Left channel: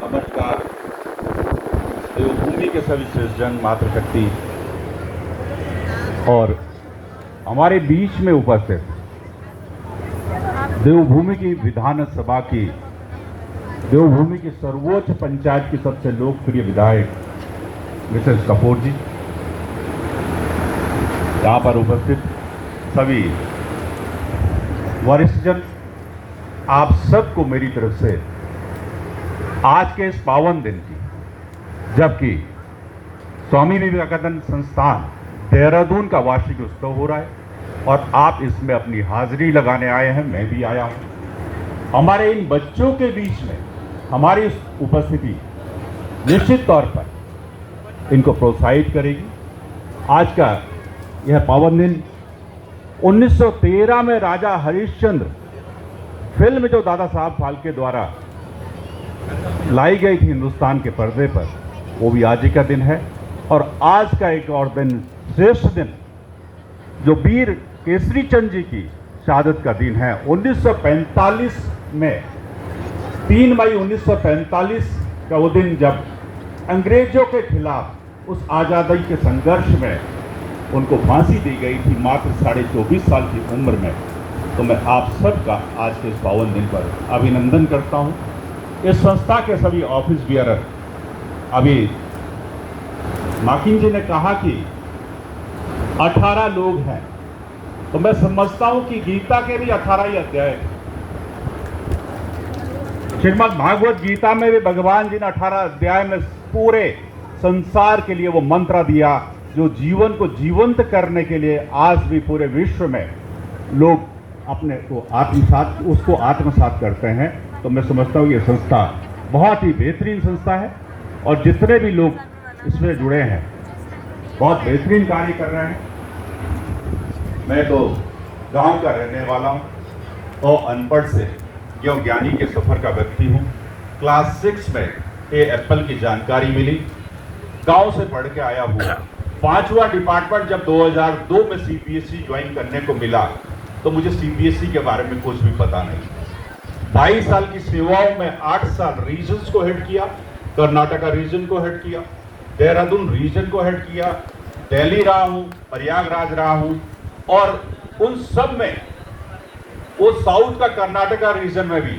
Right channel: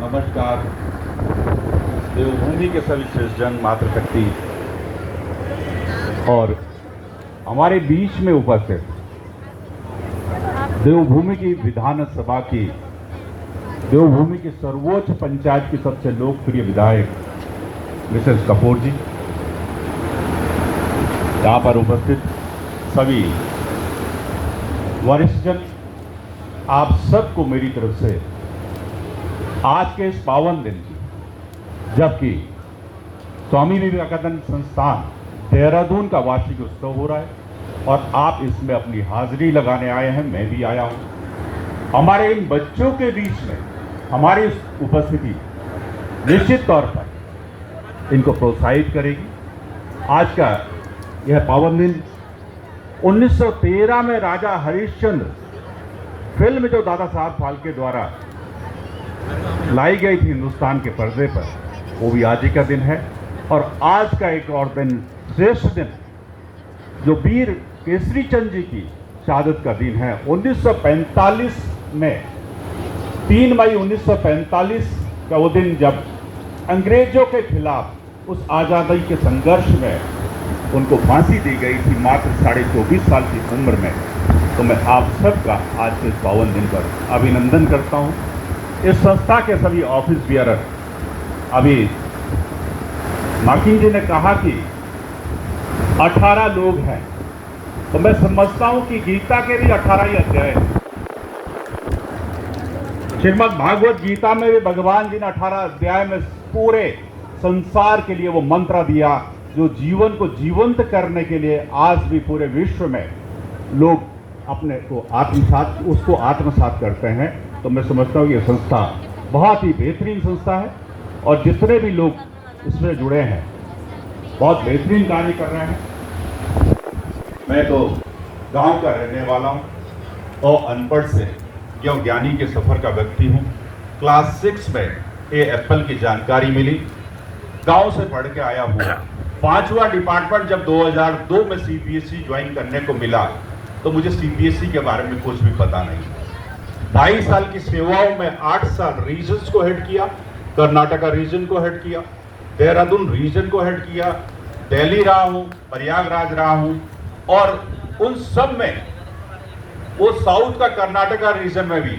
नमस्कार। देवभूमि के सभी सज्जन, मातृशक्ति और हमारे बीच में उपस्थित देवभूमि की विधानसभा की, देवभूमि की सर्वोच्च पंचायत की सबसे लोकप्रिय विधायक मिसेस कपूर जी, यहाँ पर उपस्थित सभी वरिष्ठजन, आप सबको मेरी तरफ से आज के इस पावन दिन की, जबकि स्वामी विवेकानंद संस्थान देहरादून का वार्षिक उत्सव हो रहा है और आप इसमें अपनी हाजिरी लगाने आए हैं, मैं भी आया हूं। हमारे इन बच्चों के बीच में हमारी उपस्थिति निश्चित तौर पर इनको प्रोत्साहित करेगी। आज का यह पावन दिन 1913 में राजा हरिश्चंद्र फिल्म जो दादा साहब फाल्के द्वारा लाई गई थी हिंदुस्तान के पर्दे पर, वो भी आज ही का दिन है। और आज का एक और दिन, श्रेष्ठ दिन, जो वीर केसरी चंद जी की शहादत का दिन है। 1945 में 3 मई 1945 का वो दिन, जब अंग्रेजों के खिलाफ उस आज़ादी के संघर्ष में उनको फांसी दी गई थी मात्र 24.5 साल की उम्र में। तो मैं आप सबका आज के इस पावन दिन पर अभिनंदन करता हूं। इस संस्था के सभी ऑफिस बियरर, अभी माकिन जी ने कहा कि 18 लोग हैं, तो मैं समझता हूं कि गीता के भी 18 ही अध्याय। श्रीमद् भागवत गीता में भी भगवान जी ने 18 अध्याय में पूरे संसार के लिए वो मंत्र दिया, जो जीवन को जीवंत करने के लिए आज भी पूरे विश्व में लोग अपने को आत्मसात करते हैं। तो मैं समझता हूँ ये संस्था बहुत ही बेहतरीन संस्था है और जितने भी लोग इसमें जुड़े हैं बहुत बेहतरीन कार्य कर रहे हैं। मैं तो गांव का रहने वाला हूँ और अनपढ़ से जो ज्ञानी के सफर का व्यक्ति हूँ। क्लास 6 में ये एप्पल की जानकारी मिली, गांव से पढ़ के आया हूँ। 5वां डिपार्टमेंट जब 2002 में सीबीएसई ज्वाइन करने को मिला, तो मुझे सीबीएसई के बारे में कुछ भी पता नहीं। 22 साल की सेवाओं में 8 साल रीजन्स को हेड किया, कर्नाटका रीजन को हेड किया, देहरादून रीजन को हेड किया, दिल्ली रहा हूँ, प्रयागराज रहा हूँ और उन सब में वो साउथ का कर्नाटका रीजन में भी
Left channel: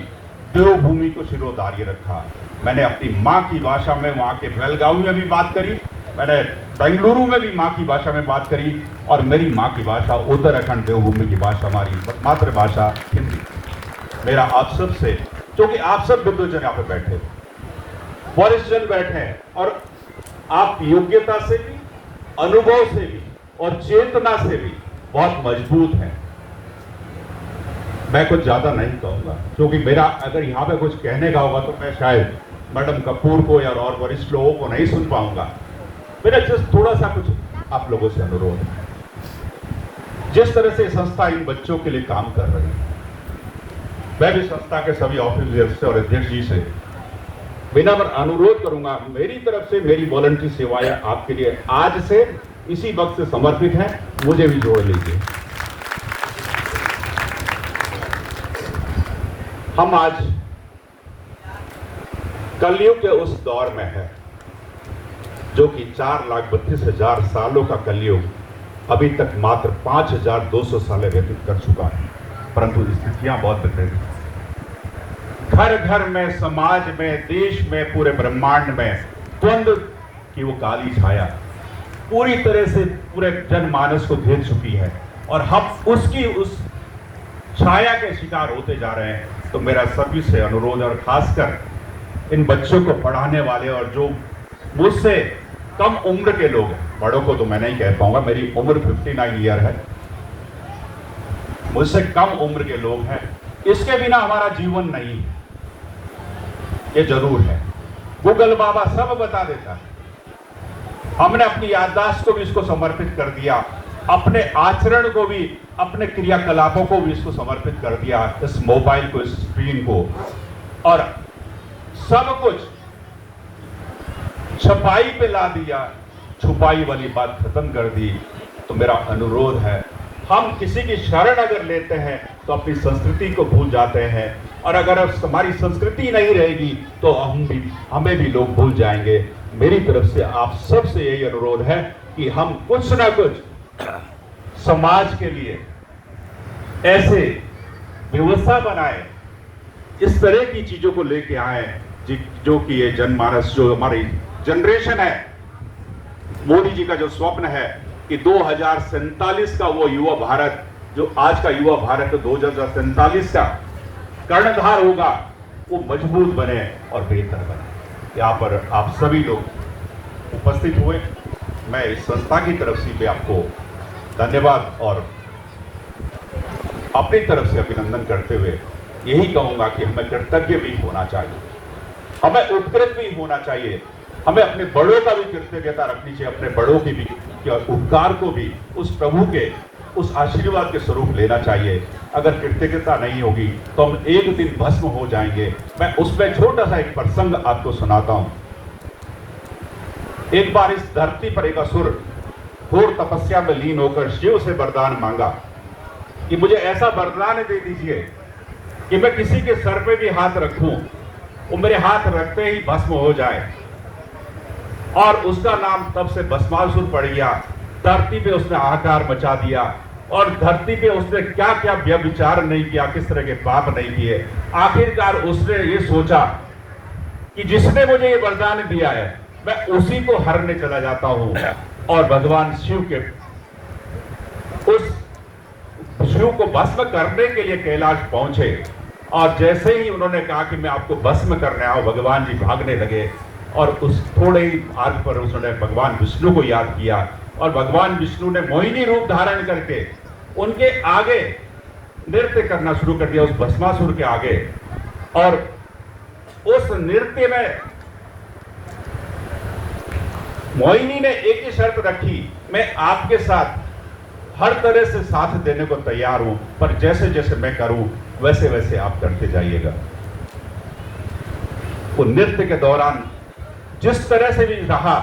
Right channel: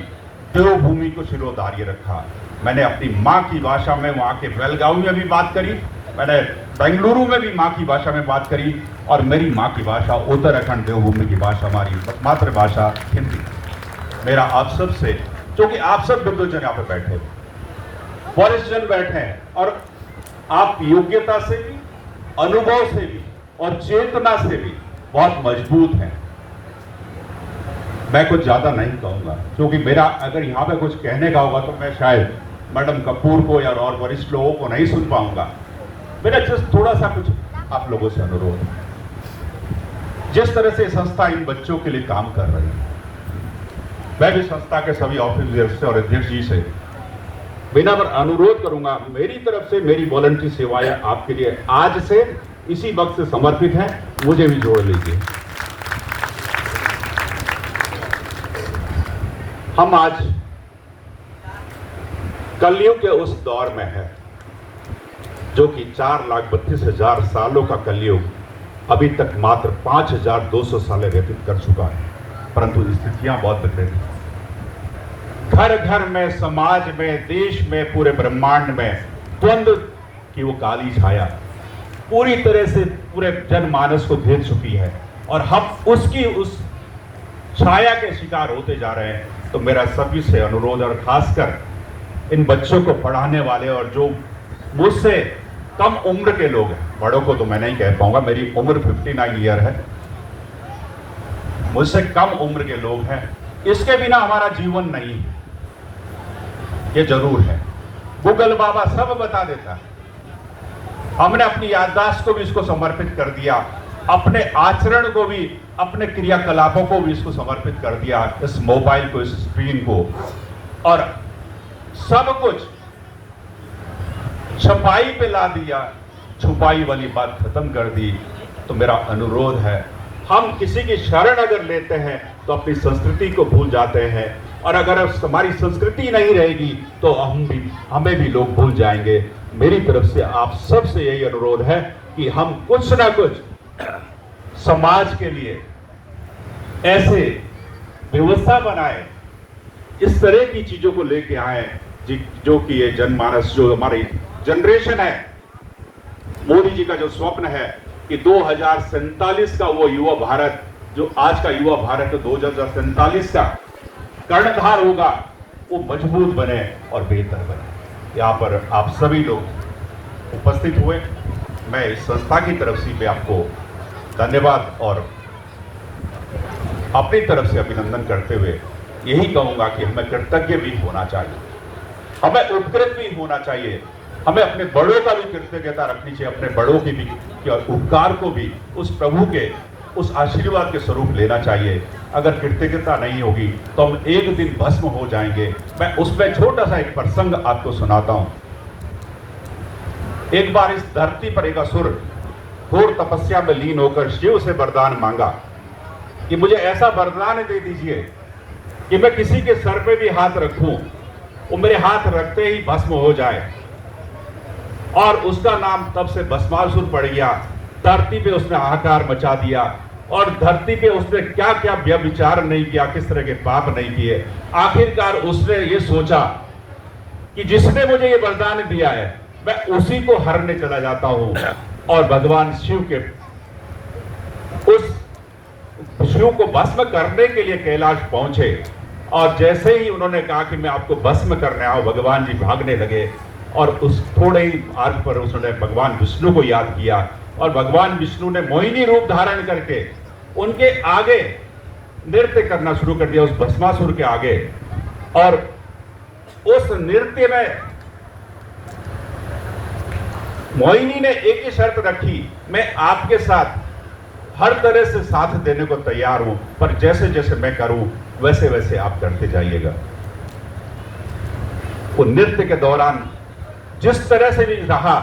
देवभूमि को शिरोधार्य रखा। मैंने अपनी माँ की भाषा में वहाँ के बेलगांव में भी बात करी, मैंने बेंगलुरु में भी माँ की भाषा में बात करी और मेरी माँ की भाषा उत्तराखंड देवभूमि की भाषा, हमारी मातृभाषा हिंदी। मेरा आप सब से, क्योंकि आप सब बुद्धजन यहाँ पे बैठे, वरिष्ठजन बैठे हैं और आप योग्यता से भी, अनुभव से भी और चेतना से भी बहुत मजबूत हैं। मैं कुछ ज्यादा नहीं कहूंगा, क्योंकि मेरा अगर यहाँ पे कुछ कहने का होगा तो मैं शायद मैडम कपूर को या और वरिष्ठ लोगों को नहीं सुन पाऊंगा। मेरा जस्ट थोड़ा सा कुछ आप लोगों से अनुरोध है। जिस तरह से संस्था इन बच्चों के लिए काम कर रही है, मैं भी संस्था के सभी ऑफिसर्स से और अध्यक्ष जी से विनम्र अनुरोध करूंगा, मेरी तरफ से मेरी वॉलंटरी सेवाएं आपके लिए आज से इसी वक्त से समर्पित हैं, मुझे भी जोड़ लीजिए। हम आज कलयुग के उस दौर में है जो कि 4,32,000 सालों का कलयुग अभी तक मात्र 5,200 साल व्यतीत कर चुका है, परंतु स्थितियां बहुत बदली। घर घर में, समाज में, देश में, पूरे ब्रह्मांड में द्वंद्व की वो काली छाया पूरी तरह से पूरे जनमानस को घेर चुकी है और हम उसकी उस छाया के शिकार होते जा रहे हैं। तो मेरा सभी से अनुरोध, और खासकर इन बच्चों को पढ़ाने वाले और जो मुझसे कम उम्र के लोग हैं, बड़ों को तो मैं नहीं कह पाऊंगा, मेरी उम्र 59 ईयर है, मुझसे कम उम्र के लोग हैं, इसके बिना हमारा जीवन नहीं है, ये जरूर है। गूगल बाबा सब बता देता है। हमने अपनी याददाश्त को भी इसको समर्पित कर दिया, अपने आचरण को भी, अपने क्रियाकलापों को भी इसको समर्पित कर दिया, इस मोबाइल को, इस स्क्रीन को, और सब कुछ छपाई पे ला दिया, छुपाई वाली बात खत्म कर दी। तो मेरा अनुरोध है, हम किसी की शरण अगर लेते हैं तो अपनी संस्कृति को भूल जाते हैं, और अगर हमारी संस्कृति नहीं रहेगी तो हमें भी लोग भूल जाएंगे। मेरी तरफ से आप सबसे यही अनुरोध है कि हम कुछ ना कुछ समाज के लिए ऐसे व्यवस्था बनाए, इस तरह की चीजों को लेके आए जो कि ये जनमानस, जो हमारी जनरेशन है, मोदी जी का जो स्वप्न है कि 2047 का वो युवा भारत, जो आज का युवा भारत 2047 का कर्णधार होगा, वो मजबूत बने और बेहतर बने। यहाँ पर आप सभी लोग उपस्थित हुए, मैं इस संस्था की तरफ से भी आपको धन्यवाद और अपनी तरफ से अभिनंदन करते हुए यही कहूंगा कि हमें कृतज्ञ भी होना चाहिए, हमें उत्कृत भी होना चाहिए, हमें अपने बड़ों का भी कृतज्ञता रखनी चाहिए, अपने बड़ों की भी उपकार को भी उस प्रभु के उस आशीर्वाद के स्वरूप लेना चाहिए। अगर कृतज्ञता नहीं होगी तो हम एक दिन भस्म हो जाएंगे। मैं उसमें छोटा सा एक प्रसंग आपको सुनाता हूं। एक बार इस धरती पर एक असुर घोर तपस्या में लीन होकर शिव से वरदान मांगा कि मुझे ऐसा वरदान दे दीजिए कि मैं किसी के सर पे भी हाथ रखूं, वो मेरे हाथ रखते ही भस्म हो जाए। और उसका नाम तब से भस्मासुर पड़ गया। धरती पे उसने हाहाकार मचा दिया और धरती पे उसने क्या क्या व्यभिचार नहीं किया, किस तरह के पाप नहीं किए। आखिरकार उसने ये सोचा कि जिसने मुझे ये वरदान दिया है मैं उसी को हरने चला जाता हूं, और भगवान शिव के उस शिव को भस्म करने के लिए कैलाश पहुंचे। और जैसे ही उन्होंने कहा कि मैं आपको भस्म करने आऊं, भगवान जी भागने लगे और उस थोड़े ही मार्ग पर उसने भगवान विष्णु को याद किया और भगवान विष्णु ने मोहिनी रूप धारण करके उनके आगे नृत्य करना शुरू कर दिया, उस भस्मासुर के आगे। और उस नृत्य में मोहिनी ने एक ही शर्त रखी, मैं आपके साथ हर तरह से साथ देने को तैयार हूं, पर जैसे जैसे मैं करूं वैसे वैसे आप करते जाइएगा। वो नृत्य के दौरान जिस तरह से भी रहा,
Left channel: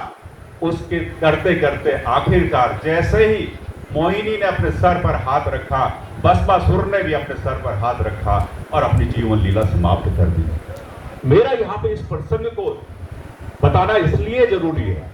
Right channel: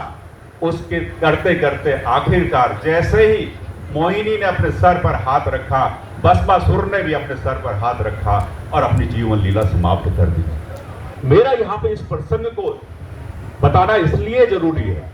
उसके करते करते आखिरकार जैसे ही मोहिनी ने अपने सर पर हाथ रखा, भस्मासुर ने भी अपने सर पर हाथ रखा और अपनी जीवन लीला समाप्त कर दी। मेरा यहाँ पे इस प्रसंग को बताना इसलिए जरूरी है,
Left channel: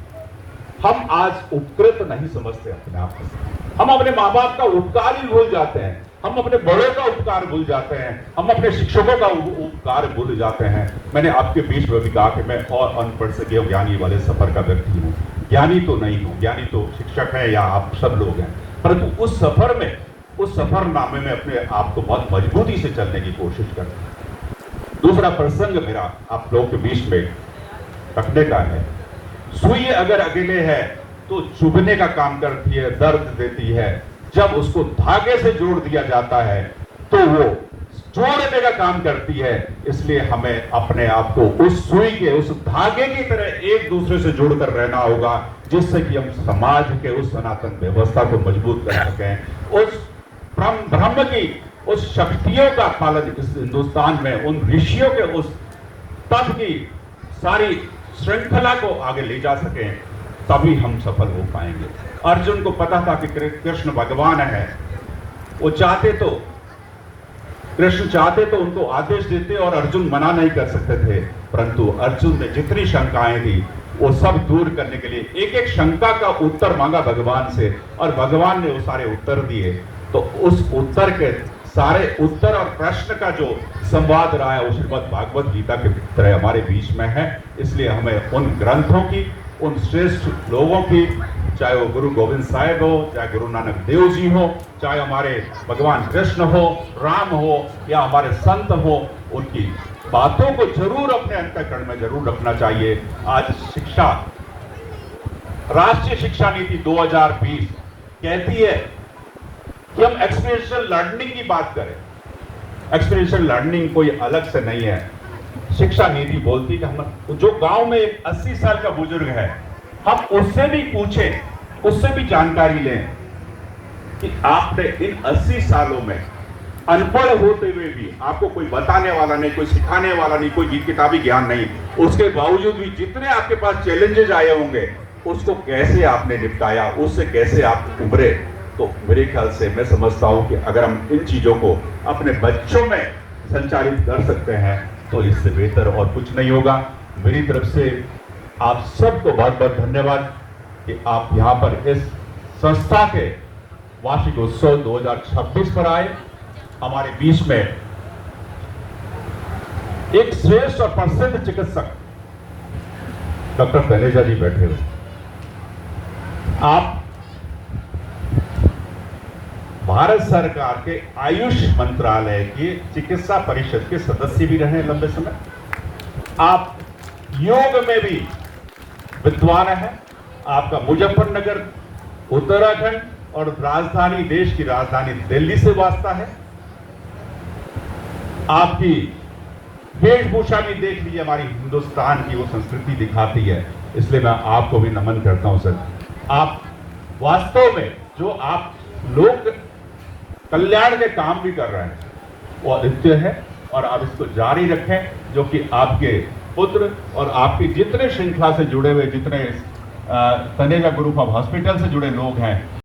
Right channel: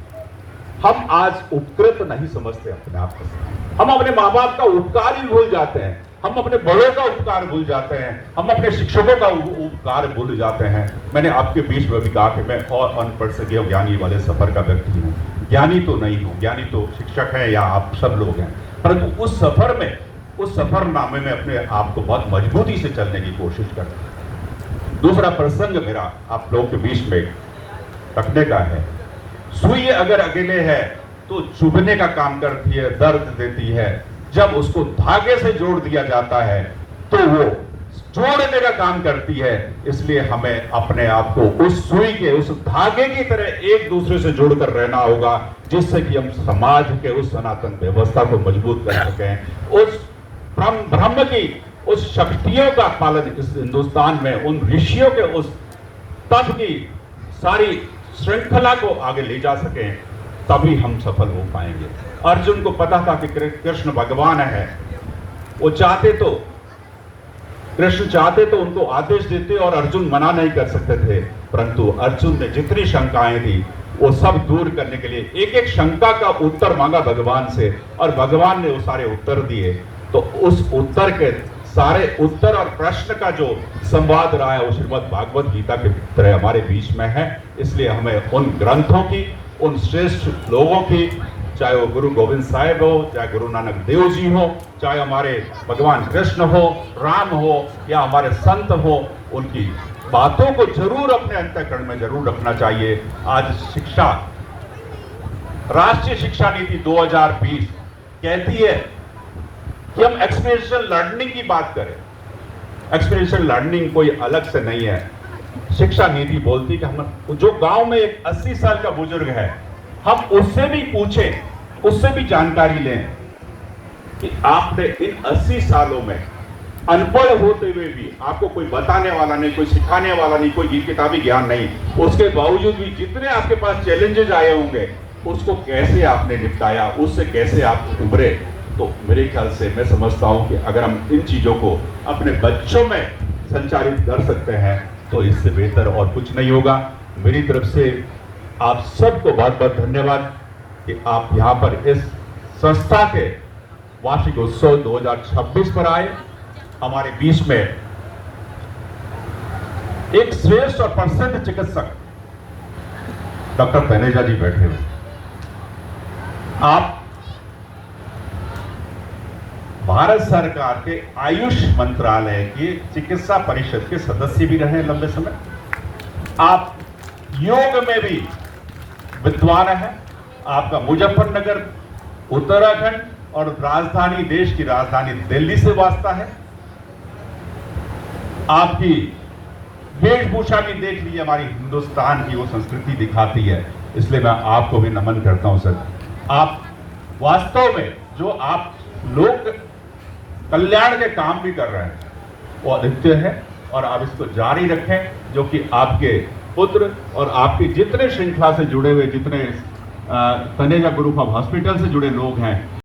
हम आज उपकृत नहीं समझते अपने आप को, हम अपने माँ बाप का उपकार ही भूल जाते हैं, हम अपने बड़ों का उपकार भूल जाते हैं, हम अपने शिक्षकों का उपकार भूल जाते हैं। मैंने आपके बीच में भी कहा कि मैं और अनपढ़ से देव ज्ञानी वाले सफर का व्यक्ति हूँ, ज्ञानी तो नहीं हूँ, ज्ञानी तो शिक्षक है या आप सब लोग हैं, परंतु उस सफर में, उस सफरनामे में अपने आप को बहुत मजबूती से चलने की कोशिश करता हूं। दूसरा प्रसंग मेरा आप लोगों के बीच में रखने का है। सुई अगर अकेले है तो चुभने का काम करती है, दर्द देती है। जब उसको धागे से जोड़ दिया जाता है तो वो जोड़ने का काम करती है। इसलिए हमें अपने आप को उस सुई के, उस धागे की तरह एक दूसरे से जोड़कर रहना होगा, जिससे कि हम समाज के उस सनातन व्यवस्था को मजबूत कर सकें, उस ब्रह्म की उस शक्तियों का पालन इस हिंदुस्तान में, उन ऋषियों के उस तप की सारी श्रृंखला को आगे ले जा सकें, तभी हम सफल हो पाएंगे। अर्जुन को पता था कि कृष्ण भगवान है, वो कृष्ण चाहते तो उनको आदेश देते और अर्जुन मना नहीं कर सकते थे, परंतु अर्जुन ने जितनी शंकाएं थी वो सब दूर करने के लिए एक एक शंका का उत्तर मांगा भगवान से, और भगवान ने वो सारे उत्तर दिए। तो उस उत्तर के सारे उत्तर और प्रश्न का जो संवाद रहा है वो श्रीमद् भागवत गीता के तरह हमारे बीच में है। इसलिए हमें उन ग्रंथों की, उन श्रेष्ठ लोगों की, चाहे वो गुरु गोविंद साहिब हो, चाहे गुरु नानक देव जी हो, चाहे हमारे भगवान कृष्ण हो, राम हो या हमारे संत हो, उनकी बातों को जरूर अपने अंतःकरण में जरूर रखना चाहिए। आज शिक्षा, राष्ट्रीय शिक्षा नीति 2020 कहती है कि हम एक्सपीरियंशियल लर्निंग की बात करें। एक्सपीरियंशियल लर्निंग कोई अलग से नहीं है। शिक्षा नीति बोलती कि हम, जो गांव में एक 80 साल का बुजुर्ग है, हम उससे भी पूछें, उससे भी जानकारी लें कि आपने इन 80 सालों में अनपढ़ होते हुए भी, आपको कोई बताने वाला नहीं, कोई सिखाने वाला नहीं, कोई किताबी ज्ञान नहीं, उसके बावजूद भी जितने आपके पास चैलेंजेस आए होंगे उसको कैसे आपने निपटाया, उससे कैसे आप उभरे। तो मेरे ख्याल से मैं समझता हूं कि अगर हम इन चीजों को अपने बच्चों में संचालित कर सकते हैं तो इससे बेहतर और कुछ नहीं होगा। मेरी तरफ से आप सबको बहुत बहुत धन्यवाद कि आप यहाँ पर इस संस्था के वार्षिक उत्सव 2026 पर आए। हमारे बीच में एक श्रेष्ठ और प्रसिद्ध चिकित्सक डॉक्टर तनेजा जी बैठे हुए। आप भारत सरकार के आयुष मंत्रालय के चिकित्सा परिषद के सदस्य भी रहे लंबे समय। आप योग में भी विद्वान हैं। आपका मुजफ्फरनगर उत्तराखंड और राजधानी, देश की राजधानी दिल्ली से वास्ता है। आपकी वेशभूषा भी देख लीजिए, हमारी हिंदुस्तान की वो संस्कृति दिखाती है, इसलिए मैं आपको भी नमन करता हूं सर। आप वास्तव में जो आप लोग कल्याण के काम भी कर रहे हैं वो अद्वितीय है और आप इसको जारी रखें, जो कि आपके पुत्र और आपके जितने श्रृंखला से जुड़े हुए, जितने तनेजा ग्रुप ऑफ हॉस्पिटल से जुड़े लोग हैं,